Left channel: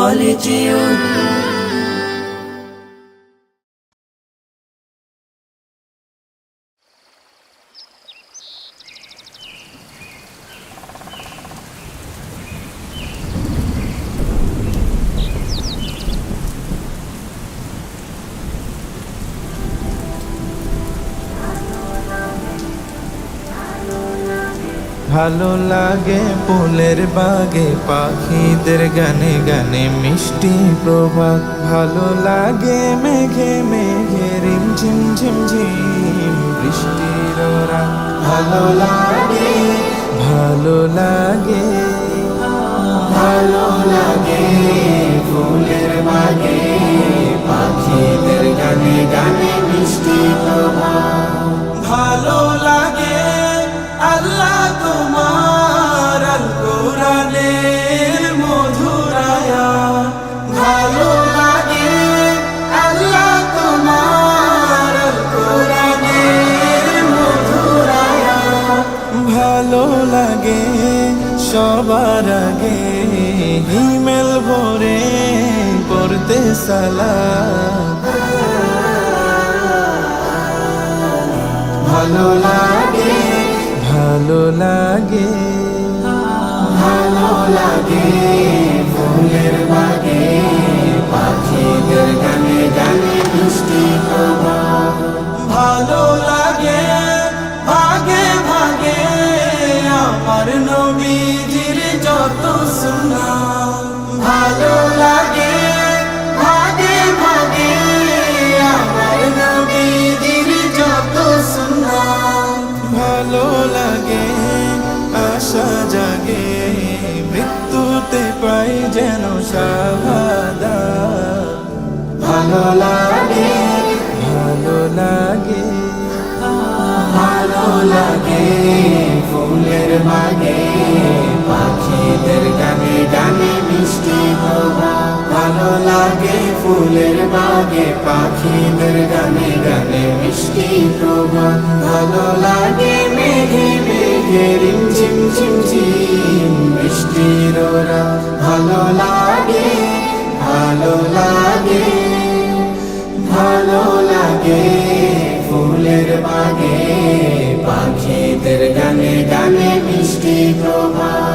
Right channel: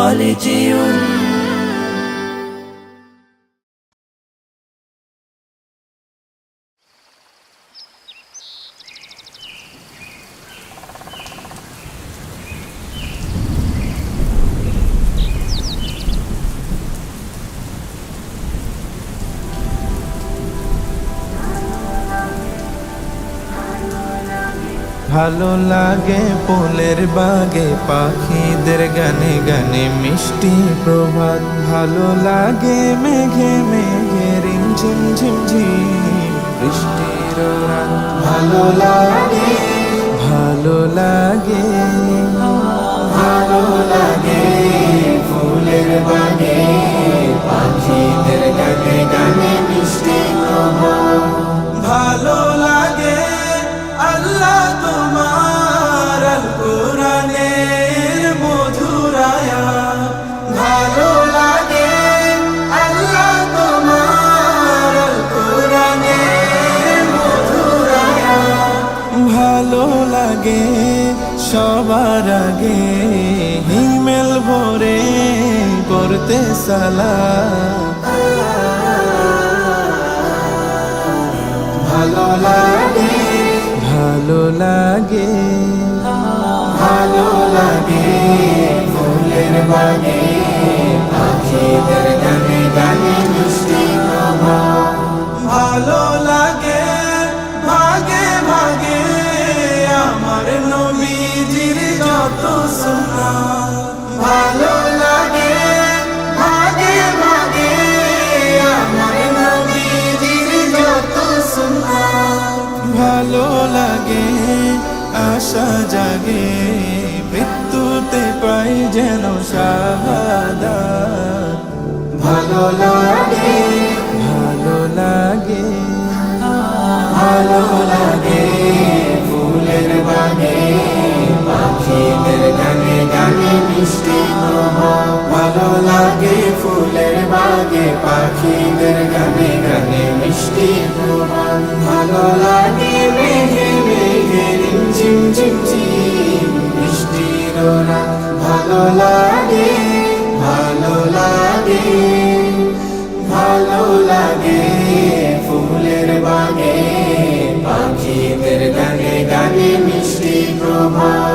خالدون ভালো লাগে ফুলের বাগে পাখিদের গানে গানে মিষ্টি প্রভাত, ভালো লাগে মেঘে মেঘে রিমঝিম ঝিমঝিম বৃষ্টির রাত, ভালো লাগে ভালো লাগে ভালো লাগে ফুলের বাগে পাখিদের গানে গানে মিষ্টি প্রভাত, ভালো লাগে আল্লাহ তোমার আল কুরআনের মধুর আয়াত, ভালো লাগে আল্লাহ তোমার আল কুরআনের মধুর আয়াত, ভালো লাগে সবার আগে হিমেল ভরে পড়তে সালাত, ভালো লাগে ভালো লাগে ভালো লাগে ফুলের বাগে পাখিদের গানে গানে মিষ্টি প্রভাত, ভালো লাগে ভাগে ভাগে আমার নবীজির যত সুন্নাত, ভালো লাগে ভাগে ভাগে আমার নবীজির যত সুন্নাত, ভালো লাগে আশা জাগে মৃত্যুতে পাই যেন শাহাদাত, ভালো লাগে ভালো লাগে ভালো লাগে ফুলের বাগে পাখিদের গানে গানে মিষ্টি প্রভাত, ভালো লাগে ফুলের বাগে পাখিদের গানে গানে মিষ্টি প্রভাত, ভালো লাগে মেঘে মেঘে রিমঝিম ঝিমঝিম বৃষ্টির রাত, ভালো লাগে ভালো লাগে ভালো লাগে ফুলের বাগে পাখিদের গানে গানে মিষ্টি প্রভাত।